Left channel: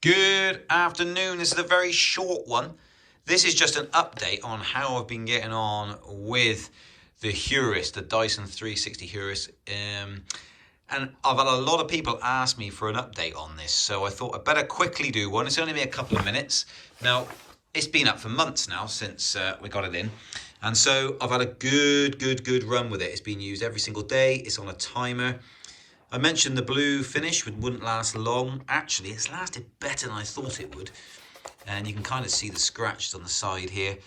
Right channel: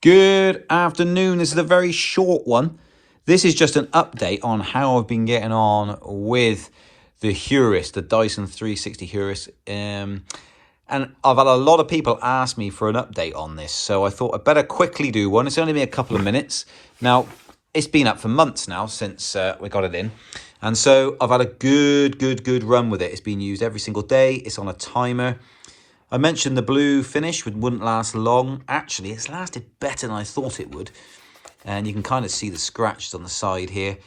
Good afternoon. This is a very short one. This is just an update on how I've been getting on with the Heurist, the Dyson 360 Heurist. And I've had a lot of people ask me for an update on this, so I thought I'd better quickly do one. It's only been a couple of minutes. Now, it's been up for months now since we got it in. And so I've had a good run with it. It's been used every single day. It's on a timer. I mentioned the blue finish wouldn't last long. Actually, it's lasted better than I thought it would. And you can kind of see the scratches on the side here.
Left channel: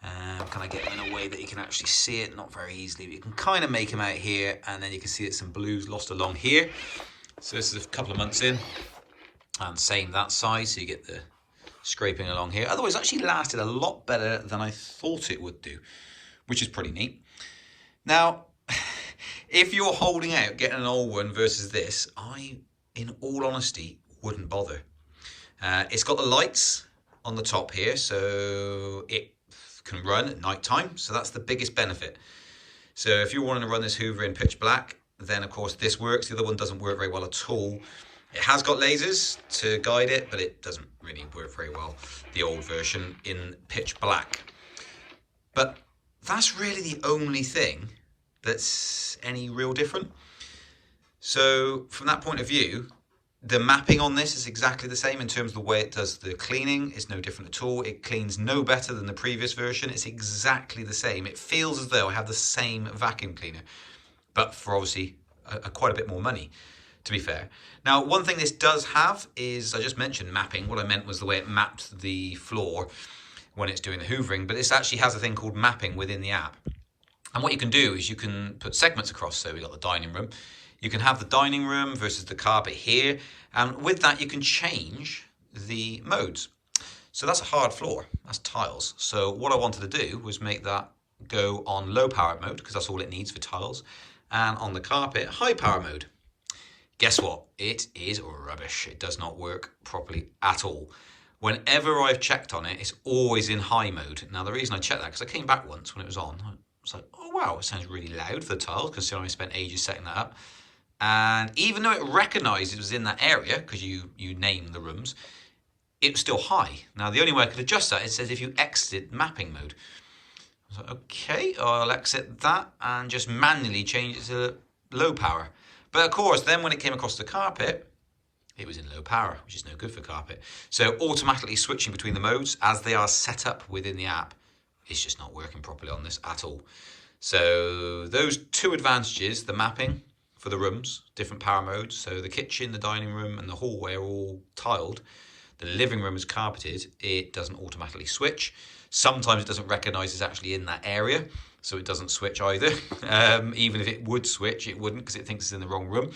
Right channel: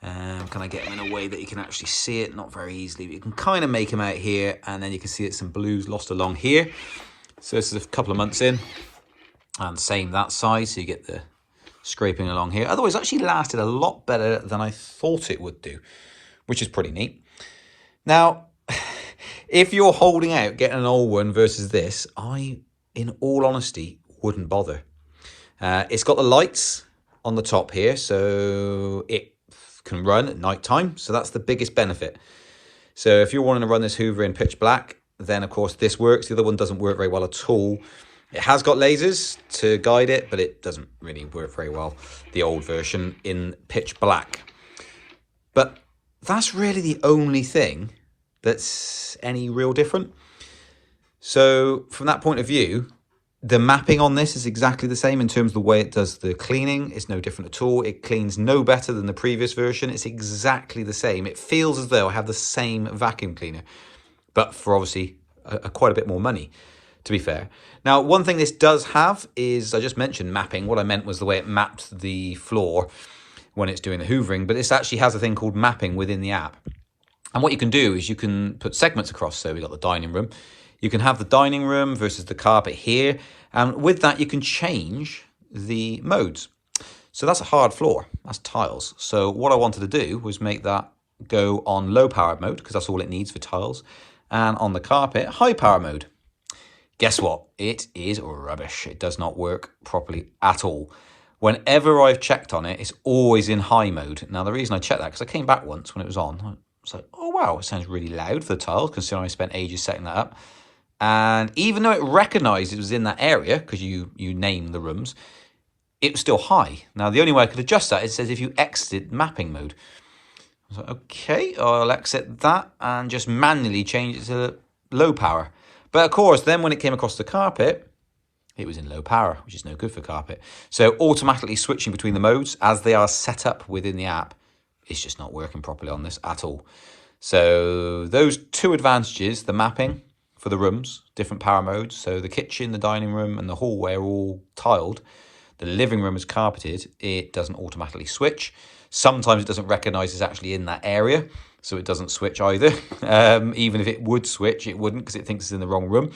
Can I get them in a way that you can actually see it? Not very easily, but you can kind of make them out here. And then you can see that some blues lost along here. So this is a couple of months in. And same that side, so you get the scraping along here. Otherwise, it actually lasted a lot better than I thought it would do, which is pretty neat. Now, if you're holding out getting an old one versus this, I, in all honesty, wouldn't bother. It's got the lights on the top here, so it can run at night time. So that's the biggest benefit. So if you're wanting to run this Hoover in pitch black, then of course this works. The other one doesn't work very well at all. It has got lasers to guide it, but it doesn't really work very well, the old version, in pitch black. But that's really the only thing that's any real different. So from that point of view, the mapping on this is exactly the same in terms of the way it does the cleaning. It's no different at all. It cleans no better than the previous version. It's exactly the same. It feels as though I have the same vacuum cleaner, but for obviously quite a bit more money, to be fair. Now, one thing this does have is, I just mentioned mapping. What I meant was the way it mapped the floor when it's doing the hoovering, but this actually has a thing called mapping within the app. And what you can do is you can put segments across. So we've got the dining room. You can have the dining room versus the carpet here. And with that, you can change the modes. So that's a hard floor. That's tiles. So what I wanted to do was make that go on low power mode, because that's all it needs for tiles. And on the carpet, high power mode. Guess what? It is rubbish. It does not work properly at all. Whenever I've checked on it, it's always in high mode. Now, the reason I checked that, because I came back once when it was on. It's like, oh wow, it sounds really loud for the tiles, considering I spent ages setting that up. And even though it recognised it was in that area, because you name the rooms, it was still high. Now, the only way I could adjust that, it says if you exit mapping mode. I was like, okay, I'll exit that and just manually change it to low power. But of course, then when it came across the carpet, it was in low power, which is no good for carpet. So automatically switching between the modes as they are set up within the app, it's just not working properly on this at all. So those two advantages, the mapping for the rooms, different power modes. So the kitchen, the dining room and the hallway are all tiled. The living room is carpeted. It doesn't automatically switch. Sometimes it doesn't recognize it's actually in that area, so it doesn't switch either. Even if it would switch, it wouldn't, because it thinks it's in the wrong room.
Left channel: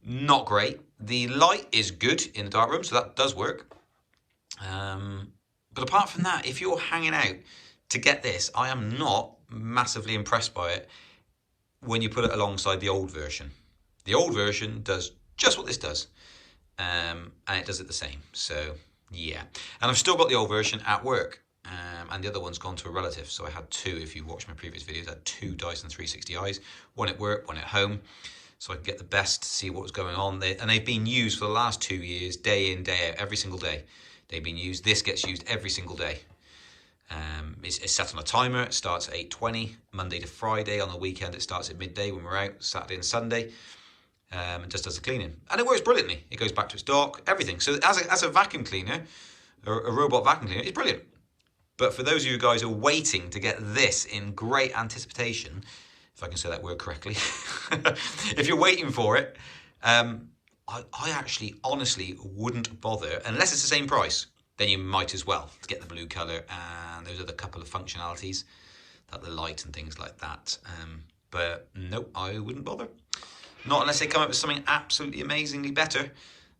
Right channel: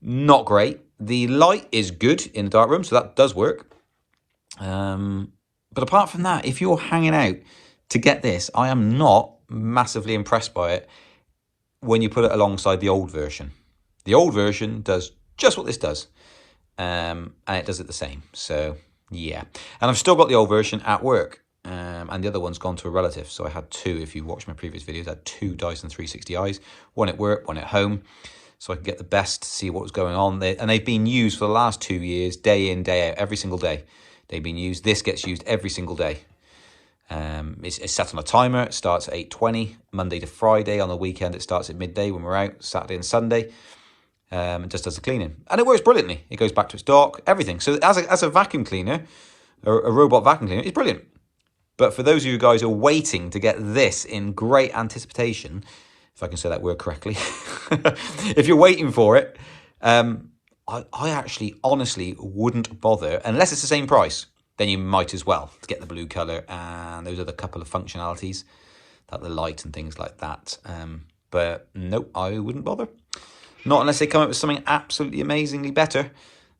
Not great. The light is good in the dark room, so that does work. But apart from that, if you're hanging out to get this, I am not massively impressed by it when you put it alongside the old version. The old version does just what this does, and it does it the same. So yeah, and I've still got the old version at work, and the other one's gone to a relative. So I had two, if you watched my previous videos, I had two Dyson 360i's, one at work, one at home, so I can get the best to see what was going on. And they've been used for the last 2 years, day in, day out, every single day. They've been used. This gets used every single day. It's set on a timer. It starts at 8:20, Monday to Friday. On the weekend, it starts at midday when we're out, Saturday and Sunday. It just does the cleaning. And it works brilliantly. It goes back to its dock, everything. So as a vacuum cleaner, a robot vacuum cleaner, it's brilliant. But for those of you guys who are waiting to get this in great anticipation, if I can say that word correctly, if you're waiting for it, I actually honestly wouldn't bother, unless it's the same price. Then you might as well to get the blue colour and those other couple of functionalities, like the light and things like that. But nope, I wouldn't bother. Not unless they come up with something absolutely amazingly better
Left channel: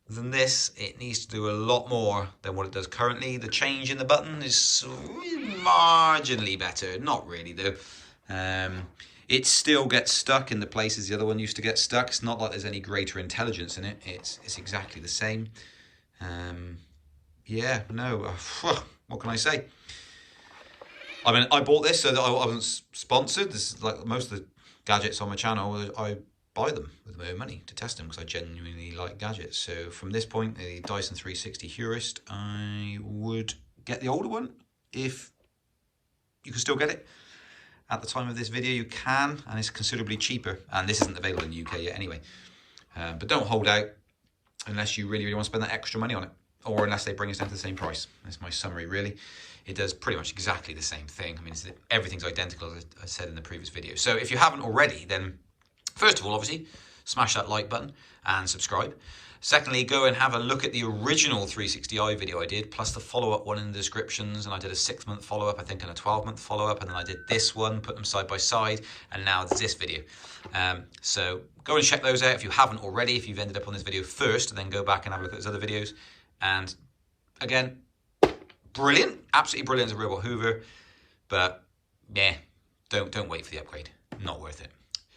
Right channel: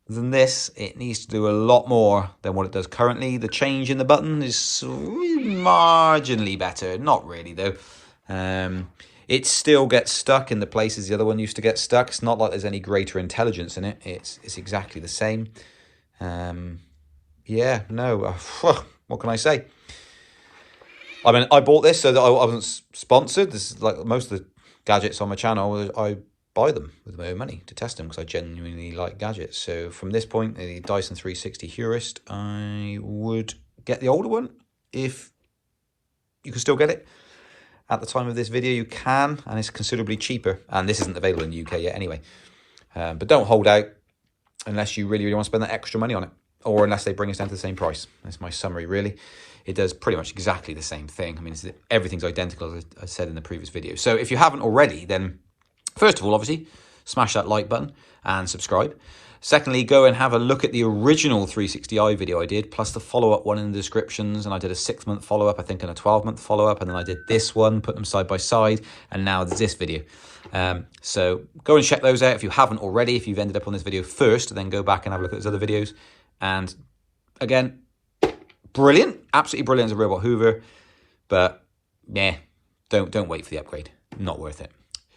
than this. It needs to do a lot more than what it does currently. The change in the button is marginally better. Not really though. It still gets stuck in the places the other one used to get stuck. It's not like there's any greater intelligence in it. It's exactly the same. Yeah, no, what can I say? I mean, I bought this so that I wasn't sponsored. This is like most of the gadgets on my channel. I buy them with my own money to test them because I genuinely like gadgets. So from this point, the Dyson 360 Heurist, I would get the older one if you can still get it. At the time of this video, you can, and it's considerably cheaper. And this isn't available in the UK yet anyway. But don't hold out unless you really want to spend that extra money on it, or unless they bring us down to the same price. That's my summary, really. It does pretty much exactly the same thing. I mean, everything's identical, as I said in the previous video. So if you haven't already, then first of all, obviously, smash that like button and subscribe. Secondly, go and have a look at the original 360i video I did, plus the follow-up one in the descriptions. And I did a 6-month follow-up, I think, and a 12-month follow-up. And then I did this one, put them side by side. And now there's this video. So go and check those out if you haven't already. If you've ended up on this video first, then go back and have a look at those other videos. And again, brilliant, absolutely brilliant as a robot Hoover. But yeah, don't wait for the upgrade. Not worth it.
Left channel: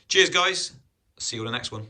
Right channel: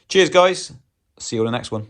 Cheers, guys. See you on the next one.